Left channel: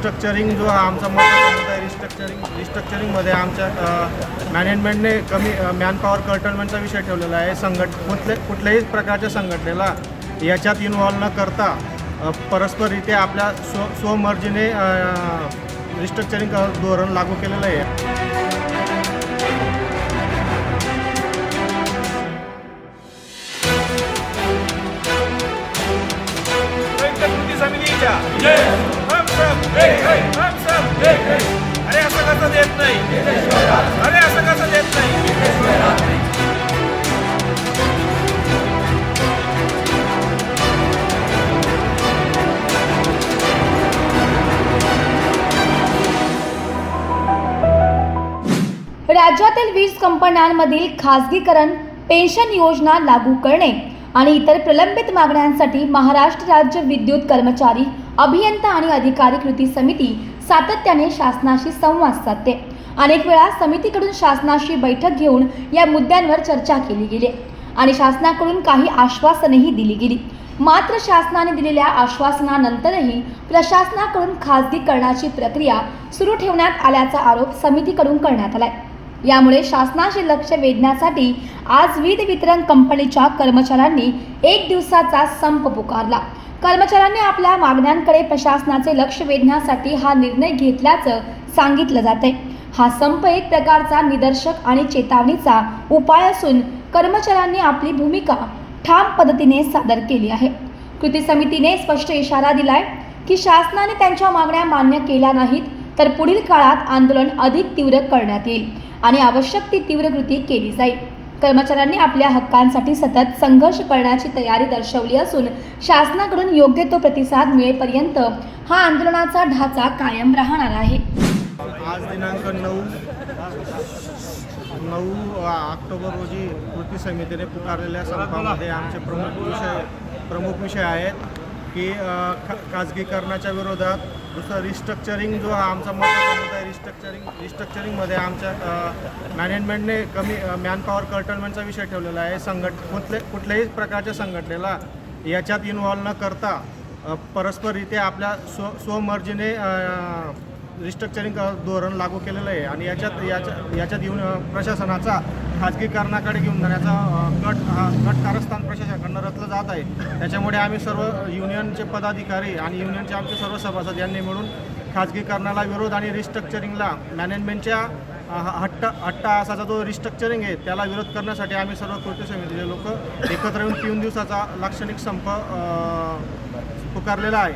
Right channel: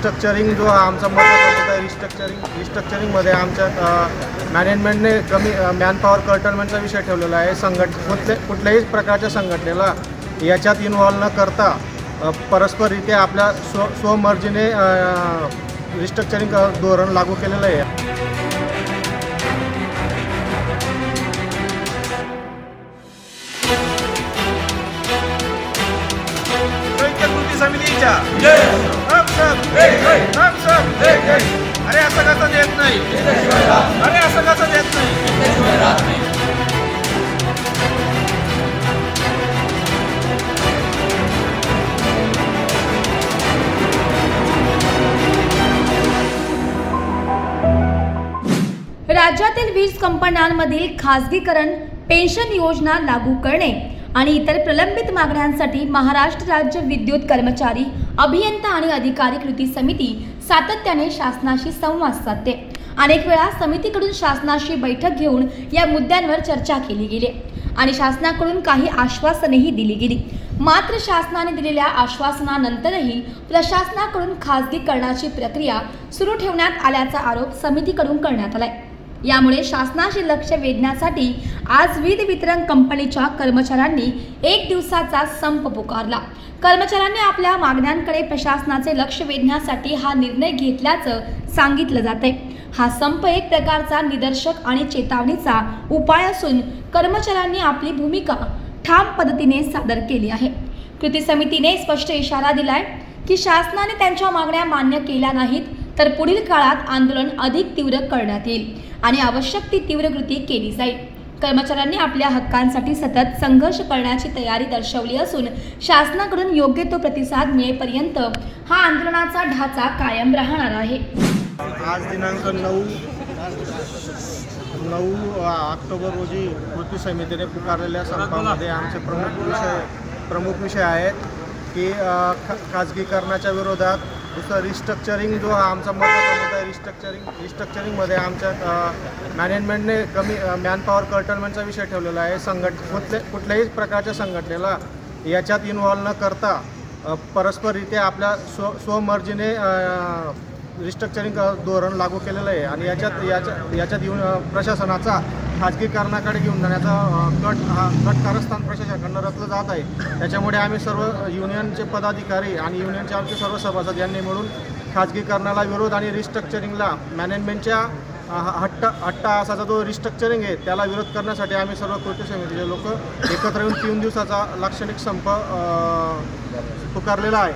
Restructuring जो हा आमचा महत्त्वाचा मुद्दा आहे रिस्ट्रक्चरिंग रिस्ट्रक्चरिंगमध्ये आमच्या मॅनेजमेंटने कमी मॅनपॉवर कर्टनमेंटचा विषय ठेवलेला आहे. संघट कुठले कुठल्याही प्रकारच्या संघटनेला याच्यात इन्व्हॉल्व न करता परस्पररित्या आपल्या स्व स्वमर्जीने रिस्ट्रक्चरिंग धोरण लागू केलेलं आहे. कृती समितीच्या हम सब. हम सब. अरे असं कसं देत नाही? अरे असं कसं देत नाही. राज्यातील वीज कंपन्यांमधील खासगीकरण पेन्शन योजना लागू करणे. आणि इतर प्रलंबित मागण्यांसाठी महाराष्ट्र राज्य विद्युत कर्मचारी अभियंता आणि अधिकारी कृती समिती सातत्याने शासनाशी संवाद साधते. अनेक वेळा समितीकडून शासनाशी बैठक घेऊन या मुद्द्यांवर चर्चा केली गेली आणि शासनाकडून काही आश्वासनेही दिली गेली. मात्र शासनाने दिलेल्या आश्वासनानंतरही प्रशासनाकडून खासगीकरणाची प्रक्रिया सुरू ठेवण्यात आल्याचा आरोप समितीकडून करण्यात आलाय. यामुळे शासनाचे लक्ष वेधण्यासाठी आज वीज वितरण कंपनीच्या कर्मचाऱ्यांनी एक दिवसाचा संप पुकारला. कर्मचाऱ्यांनी आपल्या मागण्यांकडे प्रशासनाचे लक्ष वेधण्यासाठी हा निर्णय घेतल्याचं सांगितलं जाते हा संप एक प्रकारचा निदर्शक आणि चेतावणीचा उपाय असून कर्मचाऱ्यांनी आपली भूमिका ठाम पद्धतीने सादर केली आहे. कृती समितीने स्पष्ट इशारा दिलाय की शासनाने त्यांच्या मागण्या मान्य केल्या नाहीत तर पुढील काळात आंदोलन अधिक तीव्र करण्यात येईल आणि आवश्यक ती तीव्र कृती केली जाईल. कर्मचाऱ्यांनी आपल्या हक्कांसाठी सतत संघर्ष करण्याची तयारी दर्शवली असून शासनाकडून योग्य तो प्रतिसाद मिळेपर्यंत हा आंदोलनाचा ढाचा कायम राहणार आहे. आज दिनांक नऊ नऊ ऑक्टोबर रोजी कृती समितीने पुकारलेल्या संपामध्ये आमचे प्रमुख विषय प्रमुख विषय आहेत की खाजगीकरणाच्या विरोधात दुसरं रिस्ट्रक्चरिंग जो हा आमचा महत्त्वाचा मुद्दा आहे रिस्ट्रक्चरिंग रिस्ट्रक्चरिंगमध्ये आमच्या मॅनेजमेंटने कमी मॅनपॉवर कर्टलमेंटचा विषय ठेवलेला आहे. संघट कुठले कुठल्याही प्रकारच्या संघटनेला याच्यात इन्व्हॉल्व न करता परस्पररित्या आपल्या स्व स्वमर्जीने रिस्ट्रक्चरिंग धोरण लागू केलेलं आहे. आणि याच्यात याच्या याच्यात येऊन प्रशासनाचा खाजगीकरणाकडे घेऊन जाण्याचा कट हा कट कारस्थान प्रशासनाकडनं रचलं जात आहे. त्याच्यामुळे आम्ही सर्व युनियनचे पदाधिकारी आणि युनियनचे आमचे सर्व सभासद यांनी मिळून खाजगीकरणाला विरोध आणि रिस्ट्रक्चरिंगला मॅनेजमेंटच्या हट्ट हट्टा असाचा जो रिस्ट्रक्चरिंग आहे त्याला विरोध करण्यासाठी आम्ही सर्व कृती समितीचे लोक एकत्र येऊन तीन दिवसाचा लाक्षणिक संप पुकारलेला आहे.